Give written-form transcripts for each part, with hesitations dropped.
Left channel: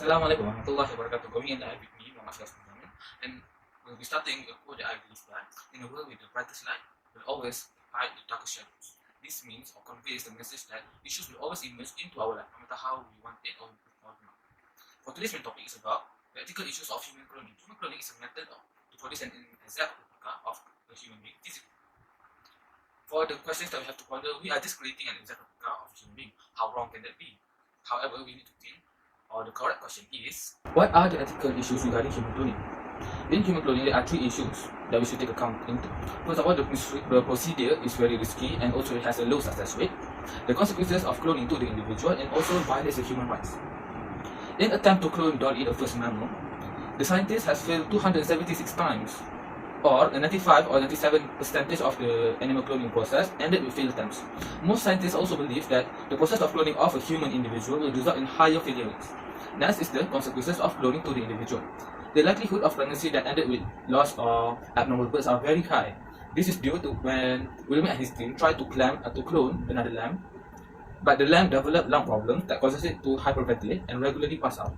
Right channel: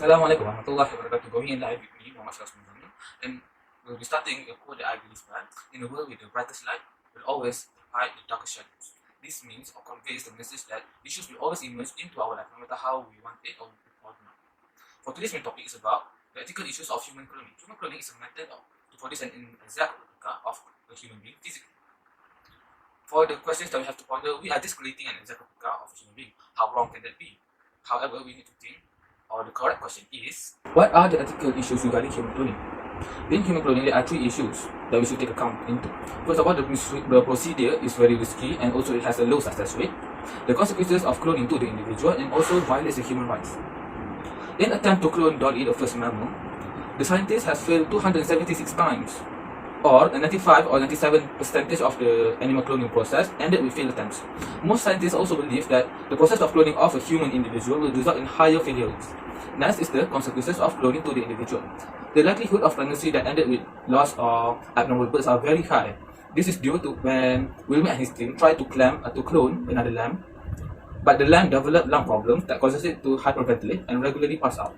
Assalamualaikum warahmatullahi wabarakatuh. Going in live with me, Muhammad MUZAMIL, and we'll be starting a quote that I believe that in a world with the brightest light will always hide the darkest shadows. This means or conveys the message that issues will always emerge into our life, no matter how we want it or not. For today's main topic is about the ethical issues of human cloning. Human cloning is a method to produce an exact replica of a human being physically. For the questions that we have to ponder, we are just creating an exact replica of a human being. How wrong can that be? However, we need to think, or the correct question is, what are the ethical issues regarding human cloning? In human cloning, there are three issues that we should take account into. First of all, the procedure is very risky and also it has a low success rate. The consequences of cloning to the individual and also violates the human rights. In attempt to clone Dolly, the first mammal, the scientist has failed 276 times, or 95 or 97% of the animal cloning process ended with failed attempts. Most scientists also believe that the process of cloning of a human individual will result in higher failure rates. Next is the consequences of cloning to the individual. The likelihood of pregnancy that ended with loss or abnormal births are very high. This is due to when Wilmer and his team tried to clone another lamb, but the lamb developed lung problems that causes it to hyperventilate and regularly pass out.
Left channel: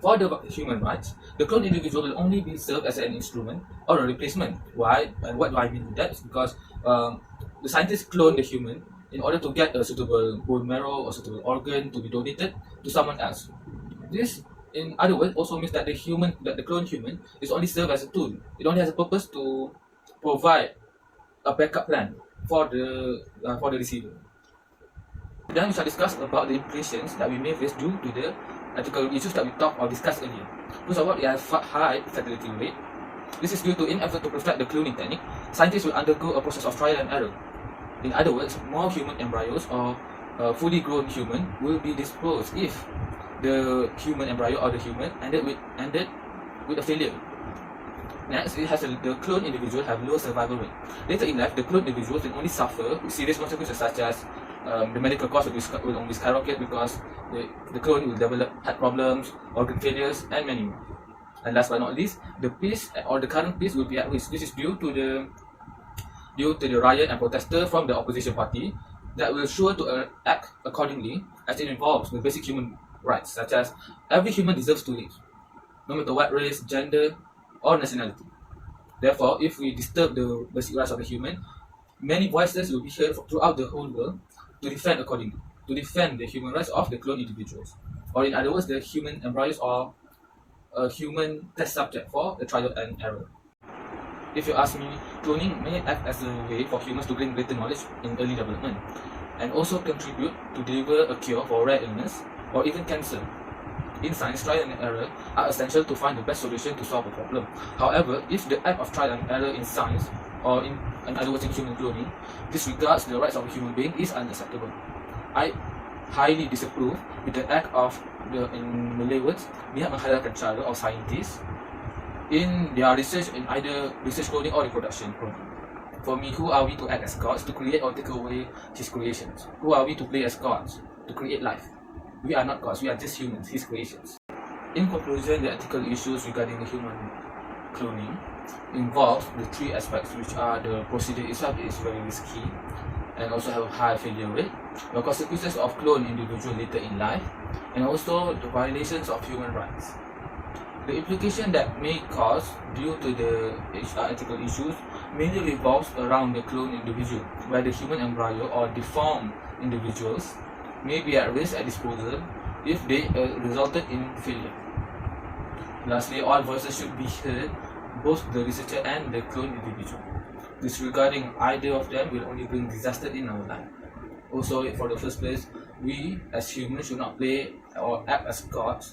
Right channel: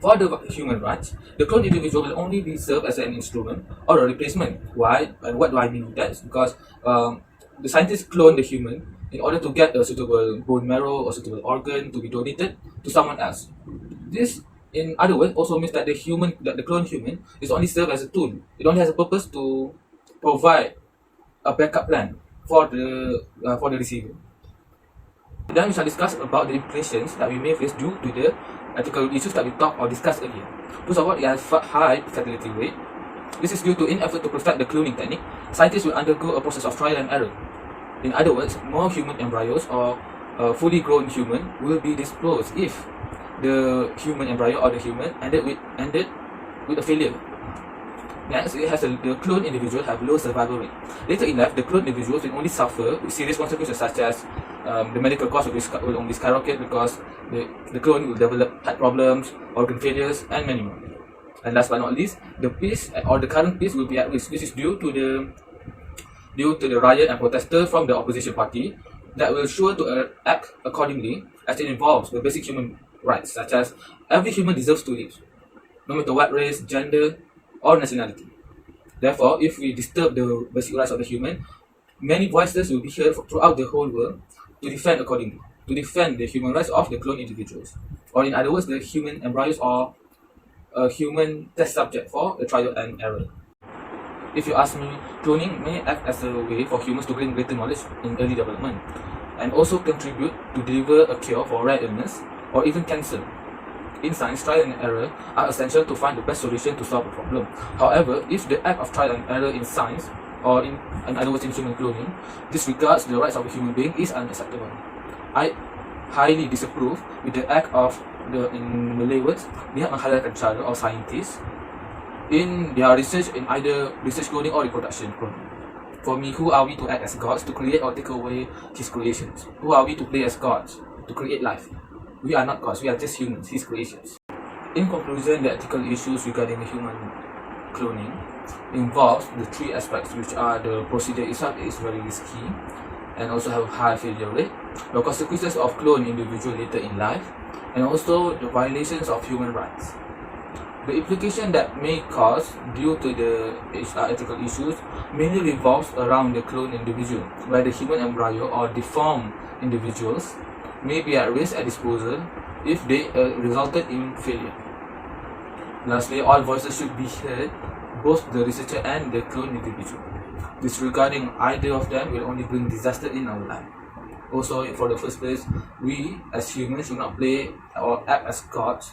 For the human rights, the cloned individual will only be served as an instrument or a replacement. Why? And what do I mean with that? It's because the scientists clone the human in order to get a suitable bone marrow or suitable organ to be donated to someone else. This, in other words, also means that the cloned human is only served as a tool. It only has a purpose to provide a backup plan for the receiver. Then we shall discuss about the implications that we may face due to the ethical issues that we talked or discussed earlier. First of all, it has high fatality rate. This is due to in effort to perfect the cloning technique, scientists will undergo a process of trial and error. In other words, more human embryos or fully grown human will be disclosed if the human embryo or the human ended with a failure. Next, the cloned individuals have low survival rate. Later in life, the cloned individuals will only suffer with serious consequences such as the medical cost will only skyrocket because the clone will develop heart problems, organ failures, and many more. And last but not least, the peace or the current peace will be at risk. This is due to the riot and protester from the opposition party that will sure to act accordingly as it involves the basic human rights, such as every human deserves to live, no matter what race, gender, or nationality. Therefore, if we disturb the basic rights of the human, many voices will be heard throughout the whole world to defend accordingly, to defend the human rights of the cloned individuals, or in other words, the human embryos or a human test subject for a trial and error. If you ask me, cloning may act as a way for humans to gain greater knowledge in early development, and also contribute to deliver a cure for rare illness or even cancer. In science, trial and error are essential to find the best solution to solve a problem. However, if the act of trial and error in science, or in other words in human cloning, disregards the rights of a human being, is unacceptable. I highly disapprove with the act of in Malay words, pihak menghalalkan cara or scientists in their research in either research cloning or reproduction cloning. For me, who are we to act as gods to create or take away his creations? Who are we to play as gods to create life? We are not gods, we are just humans, his creations. In conclusion, the ethical issues regarding the human cloning involves the three aspects, which are the procedure itself is very risky and also have high failure rate, the consequences of cloned individual later in life, and also the violations of human rights. The implication that may cause due to the ethical issues mainly revolves around the cloned individual, where the human embryo or deformed individuals may be at risk at disposal if they resulted in failure. Lastly, all voices should be heard, both the researcher and the cloned individual. Disregarding either of them will only bring disaster in our life. Also, for the first place, we as humans should not play or act as gods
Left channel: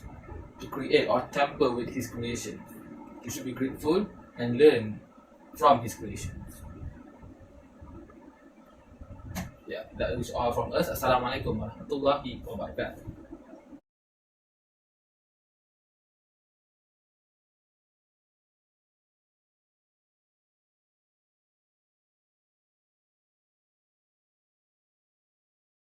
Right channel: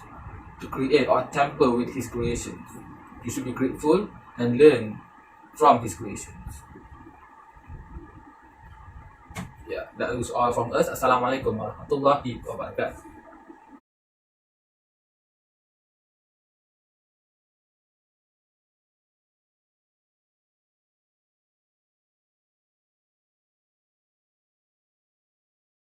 to create or tamper with his creations. You should be grateful and learn from his creations. Yeah, that is all from us. Assalamualaikum warahmatullahi wabarakatuh.